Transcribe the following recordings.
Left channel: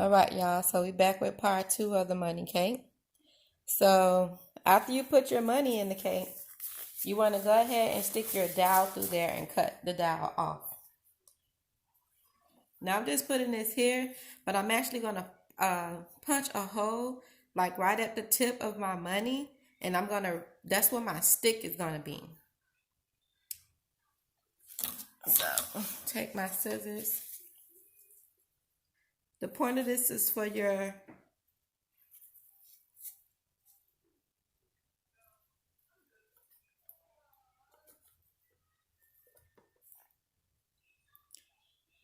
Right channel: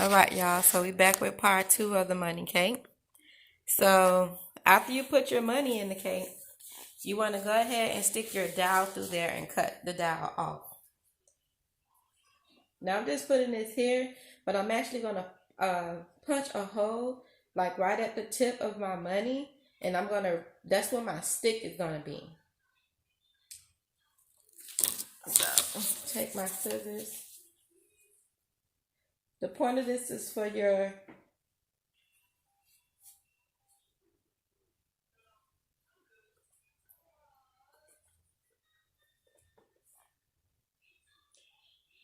All right, y'all. So we back with part two of the money cake. So after you put your money in the cake, you want to go ahead and stick your dowel through there and cut the dowel off. Now I'm just putting this here, but I'm actually going to punch a hole like right at the tip of my money, and that's where my stick is going to be. So take my scissors. The point of this is for your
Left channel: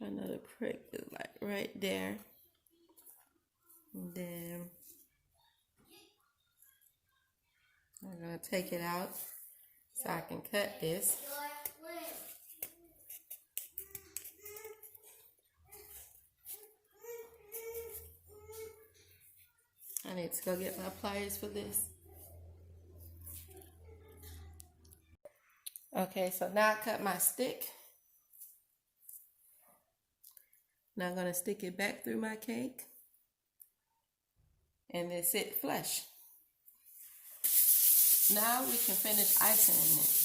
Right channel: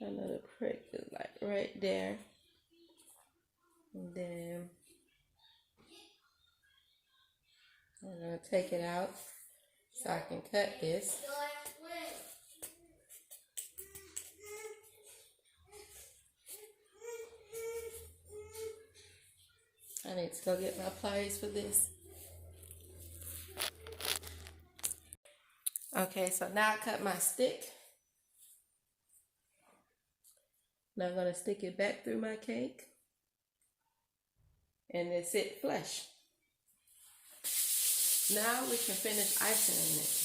another prick is like right there. And then I'm going to take it out so I can cut this. I need to go get my pliers for this. Okay, so now I cut my stick. Now I'm going to stick it back through my cake. And then sit flush. Now we can finish icing it.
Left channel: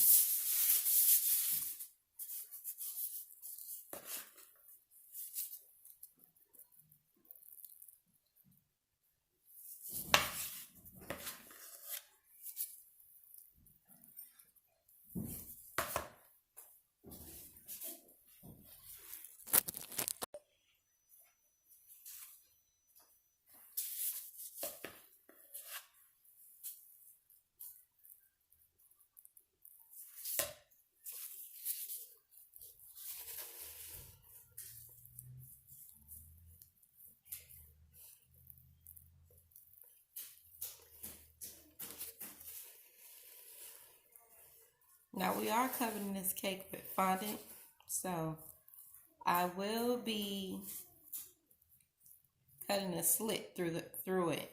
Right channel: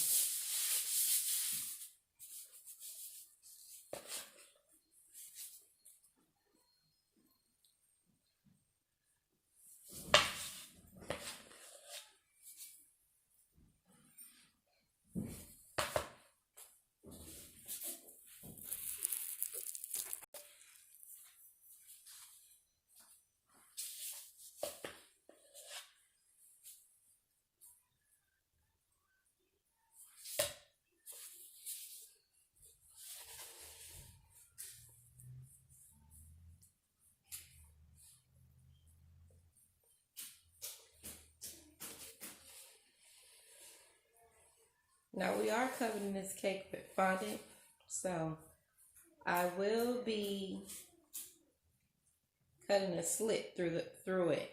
Now we are covering this cake with fondant, so I will be cutting a slit through it.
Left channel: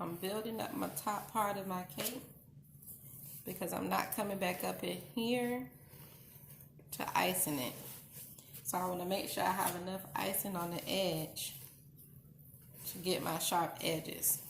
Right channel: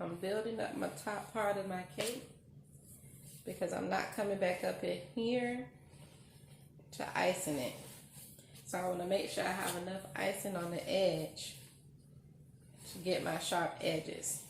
I'm building up my top part of my cake because I'm not coming back up in here to icing it. So I want to make sure I have enough icing on the edge to get my sharp edges.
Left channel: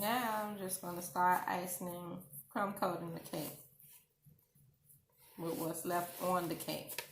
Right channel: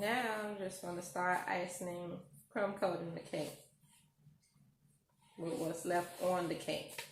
Now I'm just going to start icing, crumb coating the cake with what's left on the cake.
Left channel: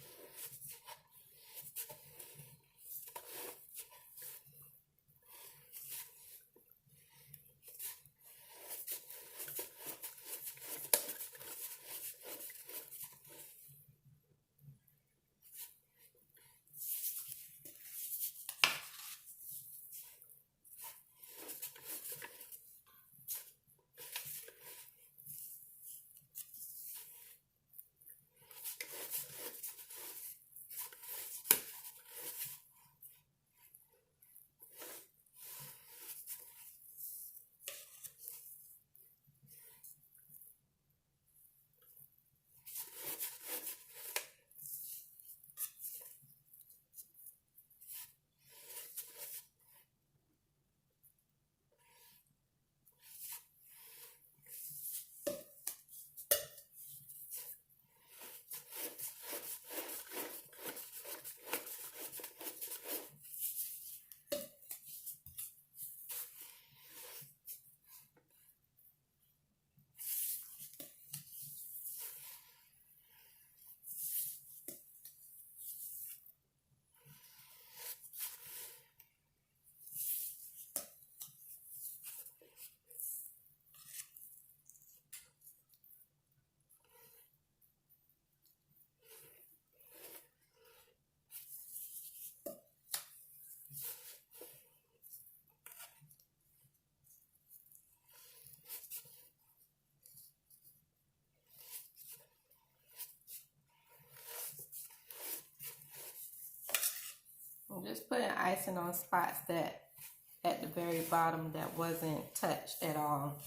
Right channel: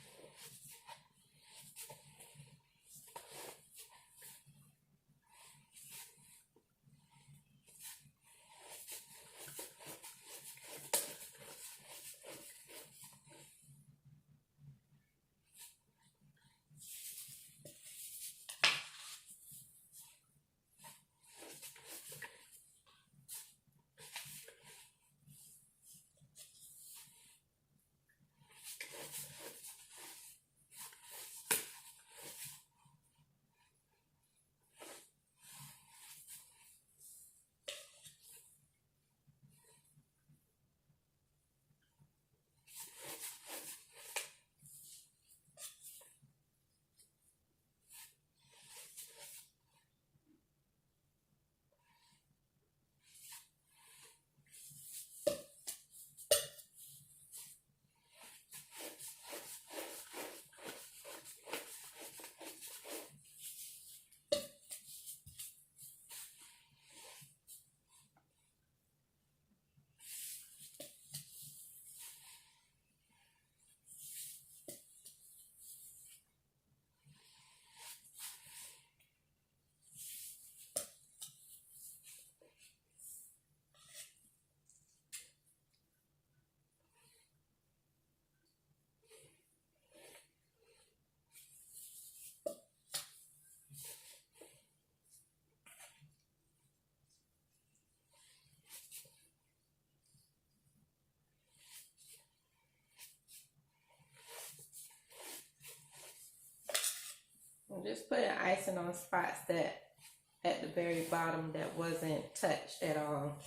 I'm just putting icing on spots that at the very bottom that wasn't touched at all.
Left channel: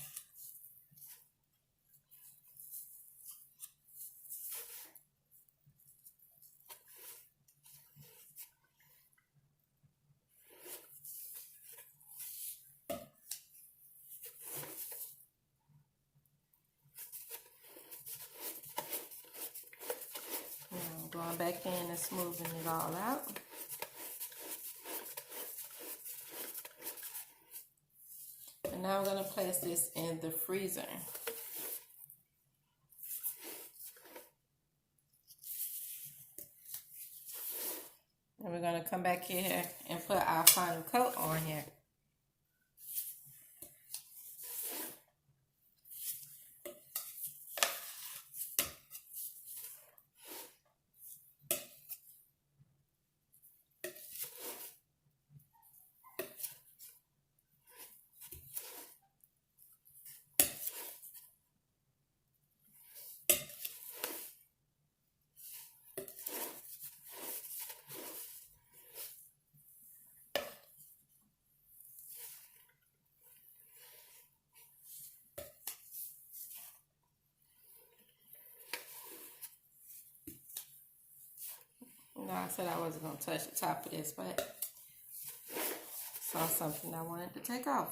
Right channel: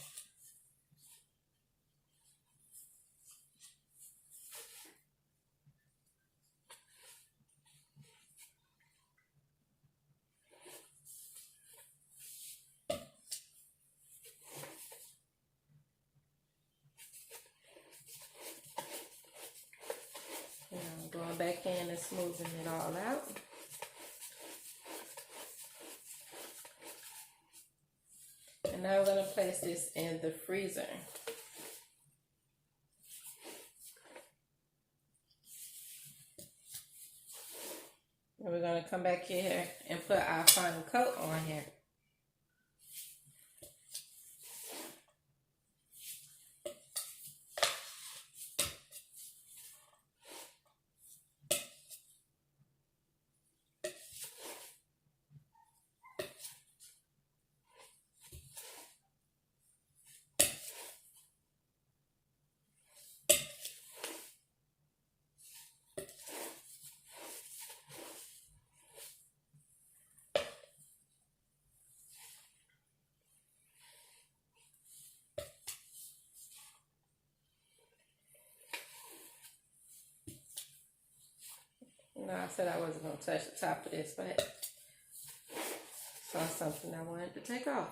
And I'm going back in and smoothing it all out. And now I'm going to place this in the freezer. And we're going to come back here and put our final coat on here. No, I said I wasn't going to touch the top of this, but I saw something I wanted to take off.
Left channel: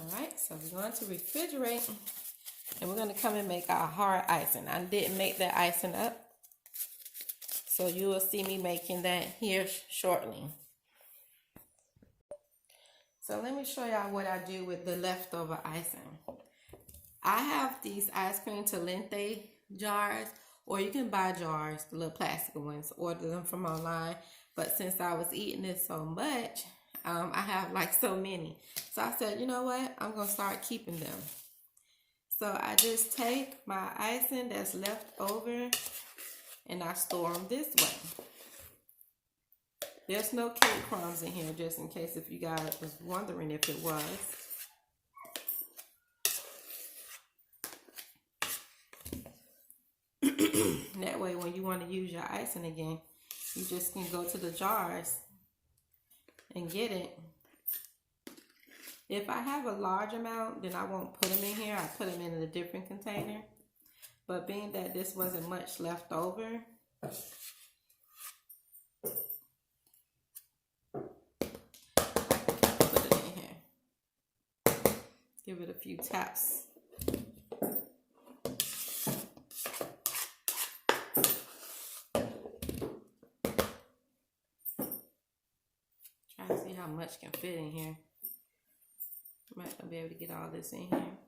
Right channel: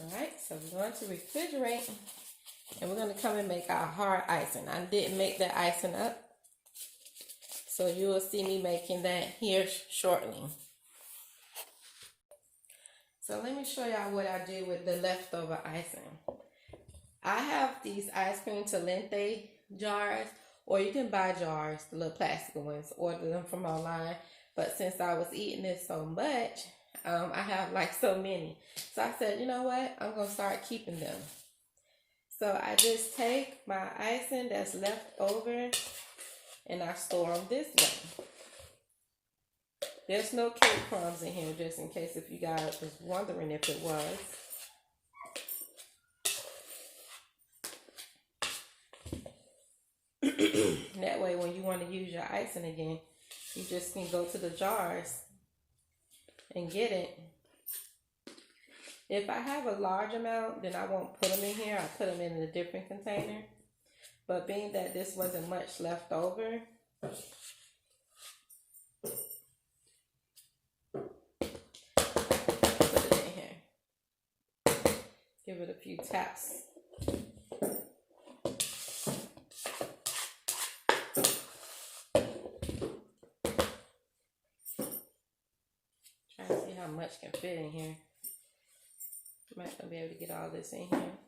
Alright, so we're going to refrigerate and we're going to come and make our hard icing. I didn't make that icing up, so you will see me making that here shortly. So let me show y'all what I do with the leftover icing. I have these ice cream Talente jars, Or you can buy jars, the little plastic ones, order them from online. But since I was eating it so much, I have like so many. So I said, you know what? I'm going to start keeping them. So I just take my icing that's left over and I store them this way. There's no cake crumbs in here, just in case if you guys was wondering if it was. That way when you want to use your icing again, you just can go to the jars and get it. If I have a large amount, then I won't put them in here. I put them in a different container. But being that this wasn't much left over, put it in here. Give it a few taps. Try to see how much can fit in here. I'm not gonna be able to get all this in here.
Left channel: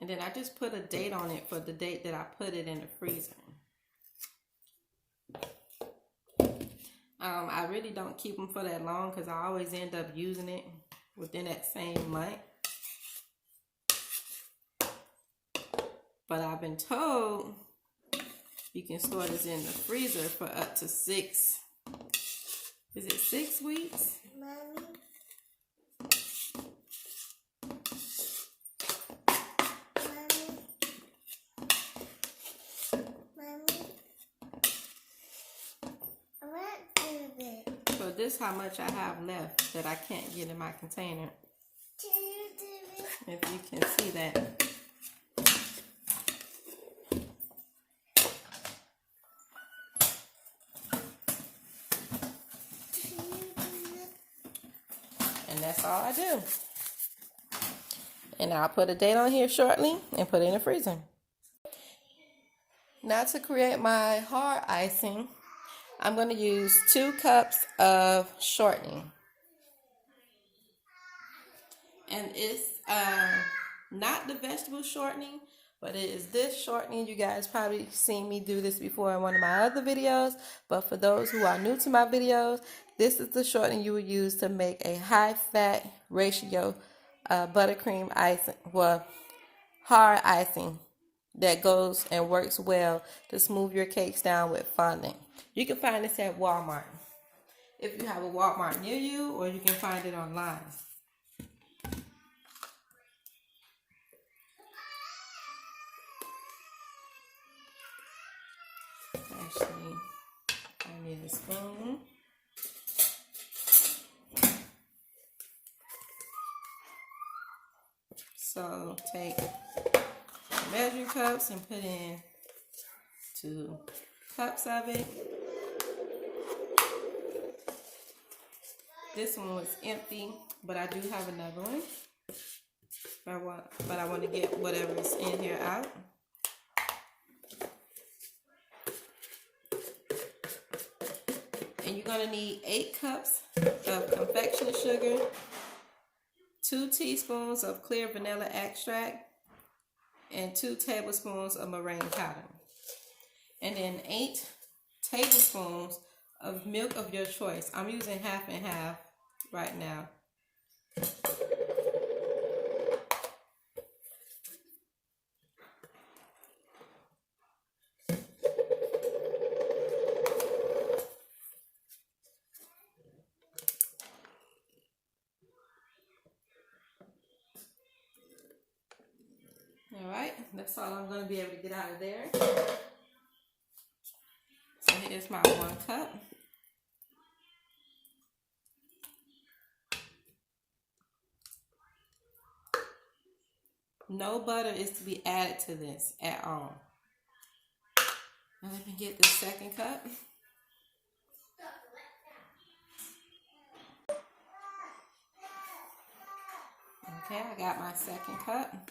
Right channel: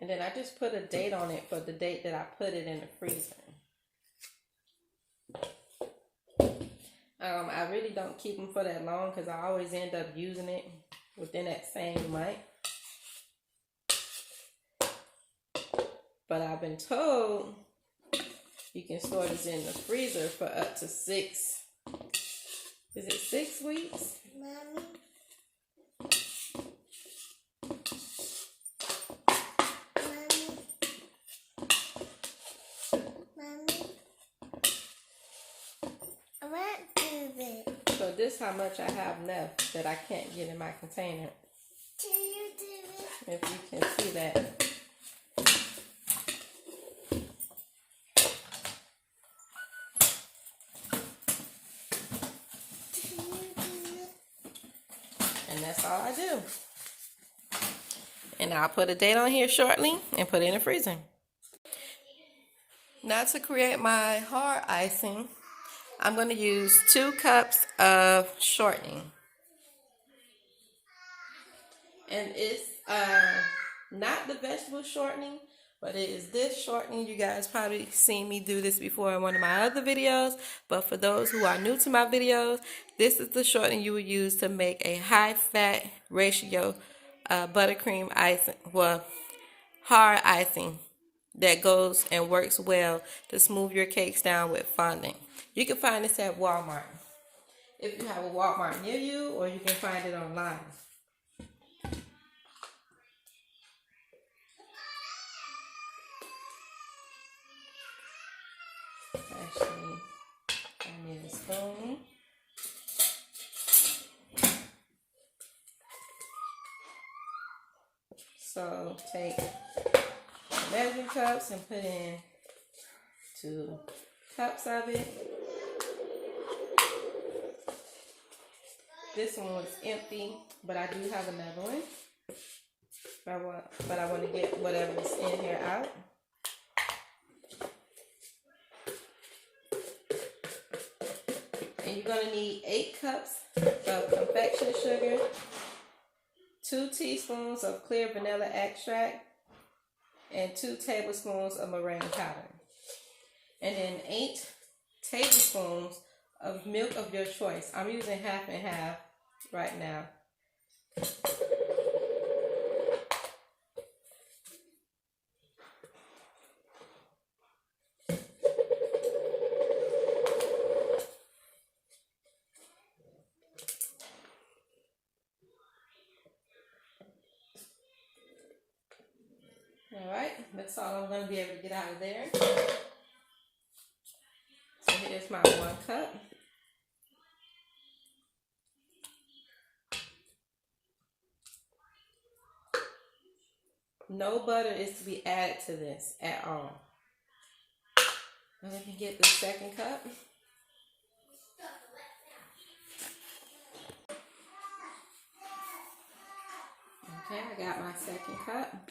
And then I just put a date on it for the date that I put it in the freezer. I really don't keep them for that long because I always end up using it within that same month. But I've been told you can store this in the freezer for up to 6. Is it 6 weeks? Mommy. So this is how much I have left that I can't get in my container. If you can see that. And that's all I do. And I'll put a date on here shortly and put it in the freezer. Now to create my hard icing, I'm going to use 2 cups of shortening. And it's not the vegetable shortening, but it is this shortening. You guys probably seen me do this before in one of my other videos. But for those who are new to my videos, this is the shortening you would use to make a high-fat ratio buttercream icing, well, hard icing that goes and works well to smooth your cakes down with fondant. You can find this at Walmart if you have a Walmart near you, or you can find it online. Actually, I need a spoon. So take measuring cups and put in 2 cups of it. This one was empty, but I do have another one. But I want to get whatever's in here out. And you're going to need 8 cups of confectioner's sugar, 2 teaspoons of clear vanilla extract, and 2 tablespoons of meringue powder. And then 8 tablespoons of milk of your choice. I'm using half and half right now. Alright, that's all I'm going to be able to get out of there. So here's my 1 cup. No butter is to be added to this at all. And let me get the 2nd cup. Okay, I got my 2nd cup.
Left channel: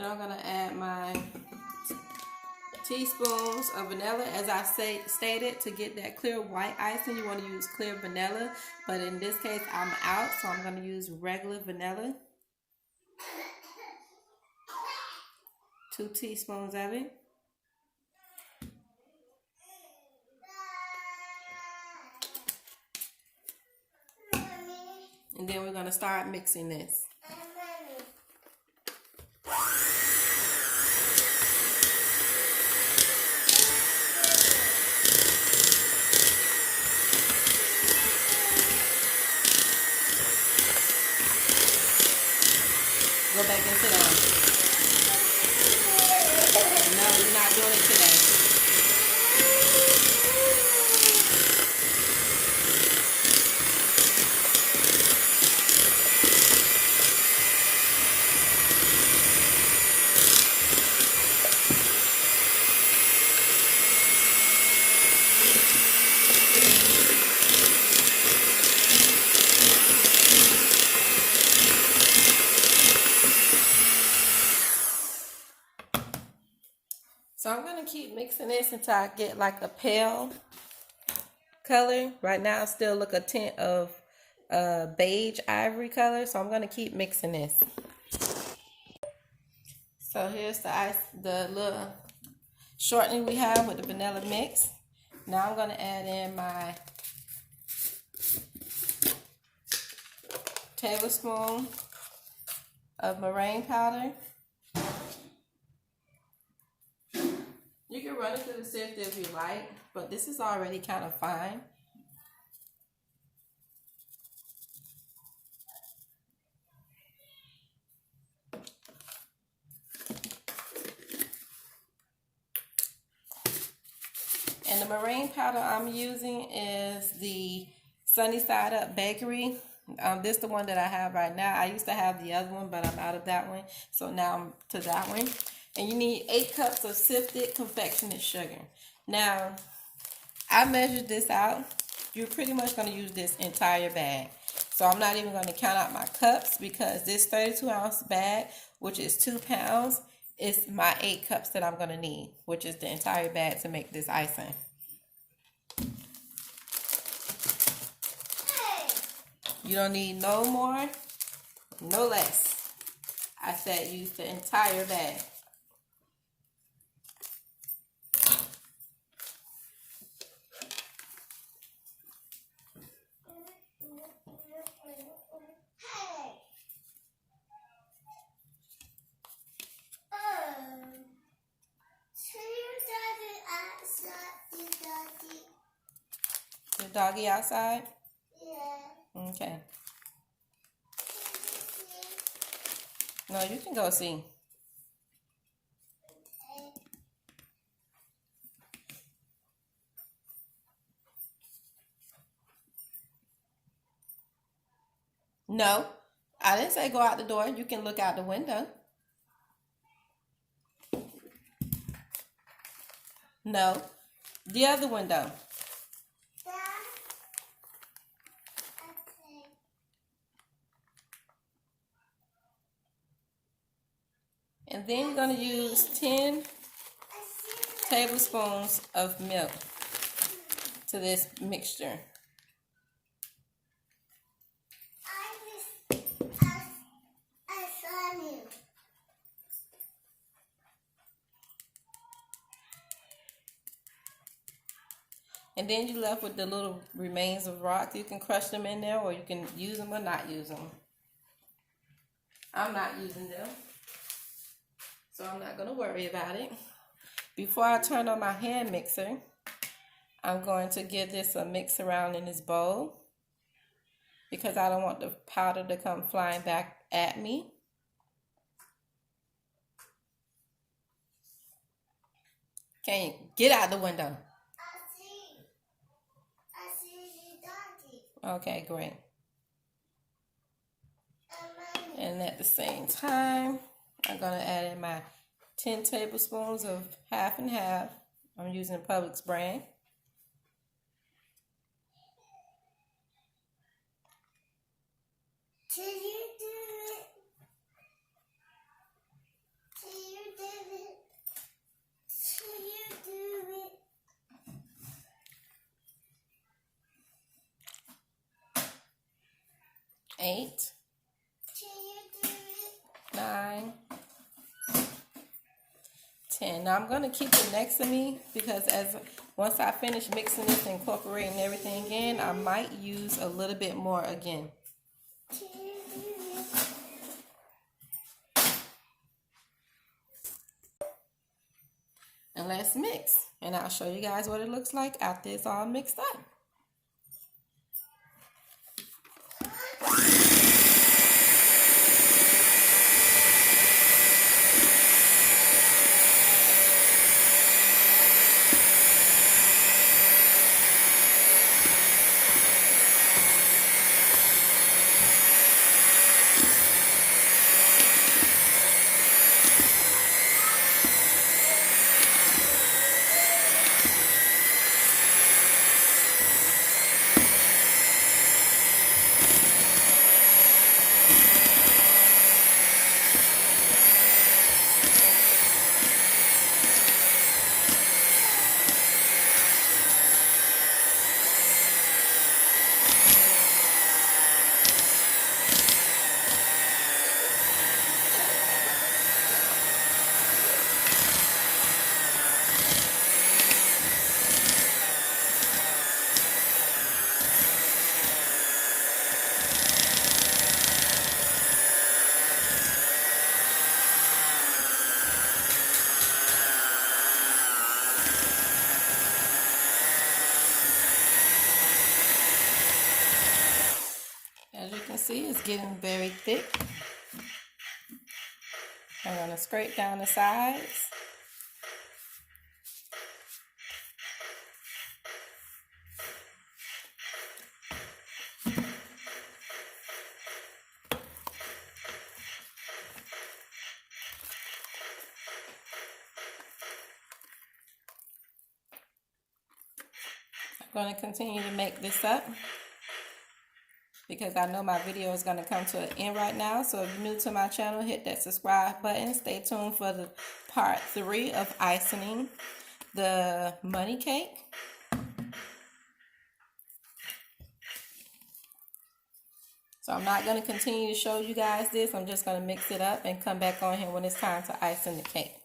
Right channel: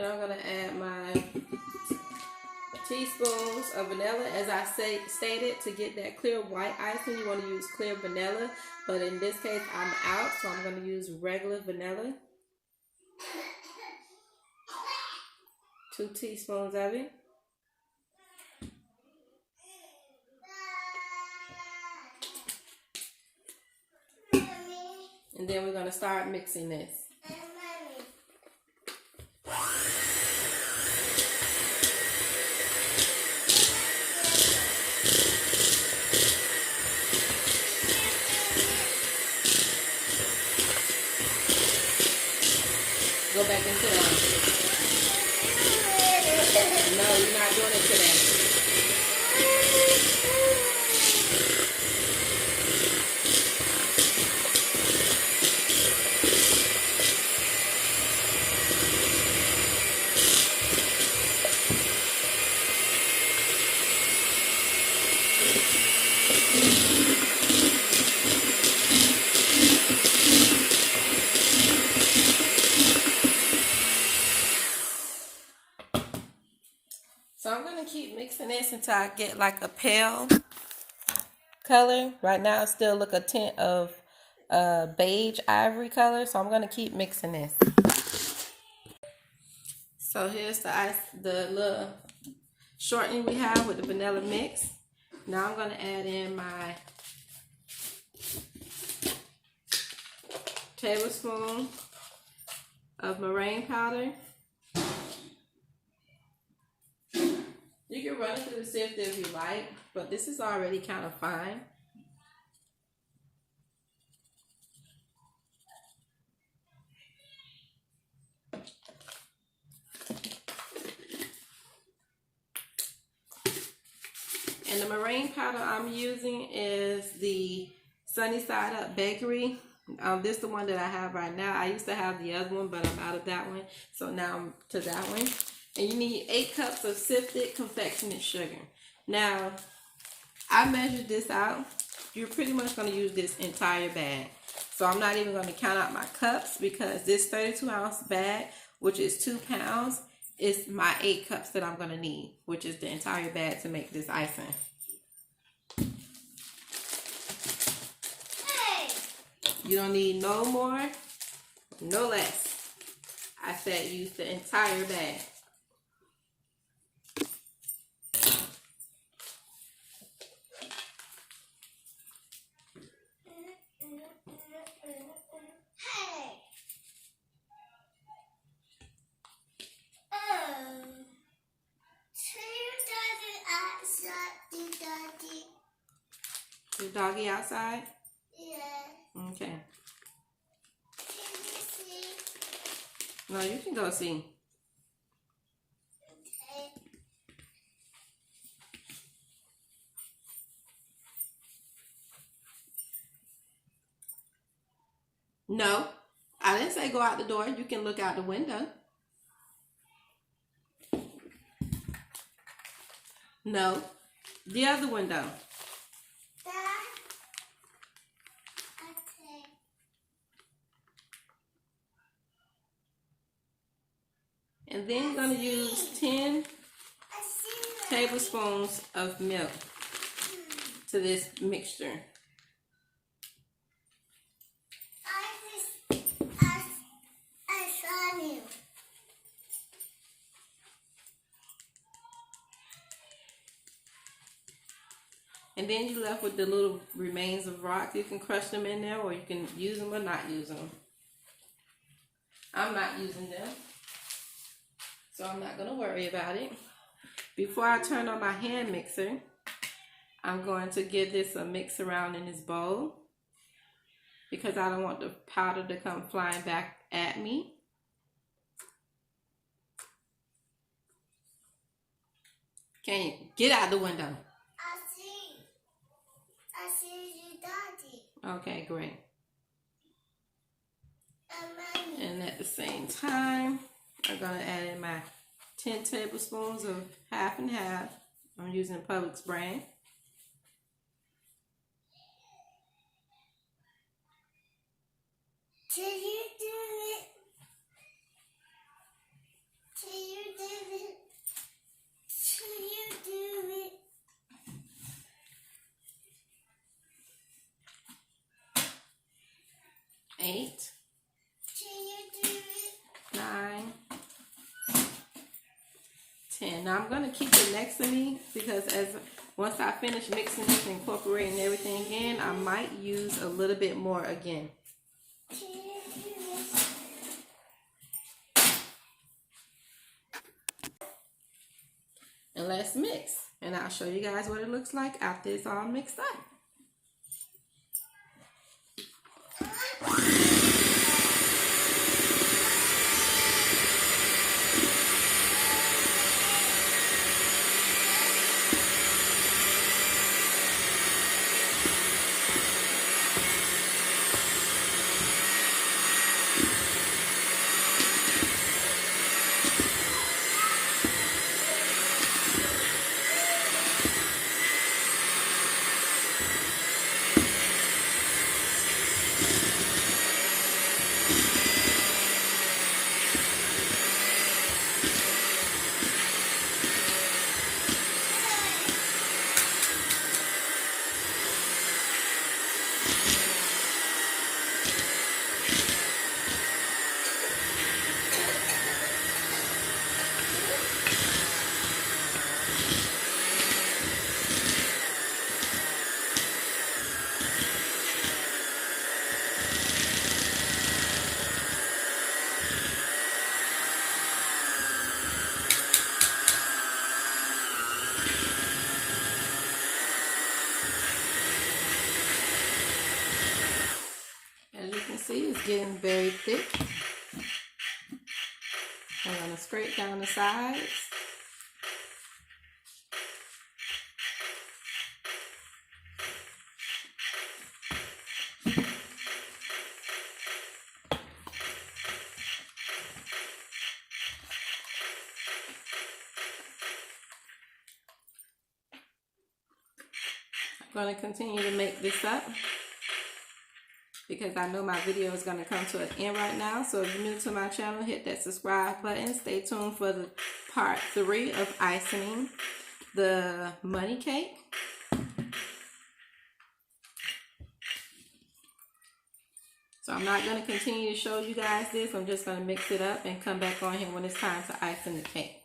Then I'm gonna add my teaspoons of vanilla. As I stated, to get that clear white icing, you want to use clear vanilla. But in this case, I'm out, so I'm gonna use regular vanilla. 2 teaspoons of it. And then we're gonna start mixing this. Go back and sit down. No, you're not doing it today. So I'm going to keep mixing this until I get like a pale color. Right now it still look a tint of beige ivory color. So I'm going to keep mixing this. So here's the little shortening we have with the vanilla mix. Now I'm going to add in my tablespoon of meringue powder. You can run it through the sifter if you like, but this is already kind of fine. And the meringue powder I'm using is the Sunny Side Up Bakery. This is the one that I have right now. I used to have the other one, but I'm out of that one. So now I'm to that one. And you need 8 cups of sifted confectionate sugar. Now, I measured this out. You're pretty much going to use this entire bag. So I'm not even going to count out my cups because this 32-ounce bag, which is 2 pounds, is my 8 cups that I'm going to need, which is the entire bag to make this icing. You don't need no more, no less. I said use the entire bag. Your doggy outside? Yeah. Okay. No, you can go see. Okay. No, I didn't say go out the door. You can look out the window. No, the other window. And then you're going to use 10 tablespoons of milk to this mixture. And then you're left with the little remains of rock. You can crush them in there, or you can use them or not use them. I'm not using them, so I'm not going to worry about it. Before I turn on my hand mixer, I'm going to give this a mix around in this bowl because I don't want the powder to come flying back at me. Can you get out the window? I see you, Daddy. Okay, great. And at the same time, I'm going to add in my 10 tablespoons of half and half. I'm using Publix brand. Can you do it? Can 8, 9, 10. Now I'm going to keep it next to me because once I finish mixing this and incorporating everything in, I might use a little bit more again. And let's mix. And I'll show you guys what it looks like after it's all mixed up. As you can see, it's getting very thick. I'm going to scrape down the sides. I'm going to continue to make this up because I know my video is going to come to an end right now. So if you're new to my channel, hit that subscribe button. Stay tuned for the part 3 of icing the money cake. So I'm not going to continue to show you guys this. I'm just going to mix it up and come back on here when it's time to icing the cake.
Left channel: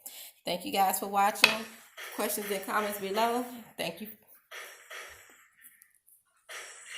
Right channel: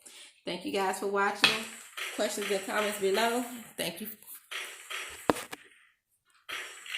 Thank you guys for watching. Questions and comments below. Thank you.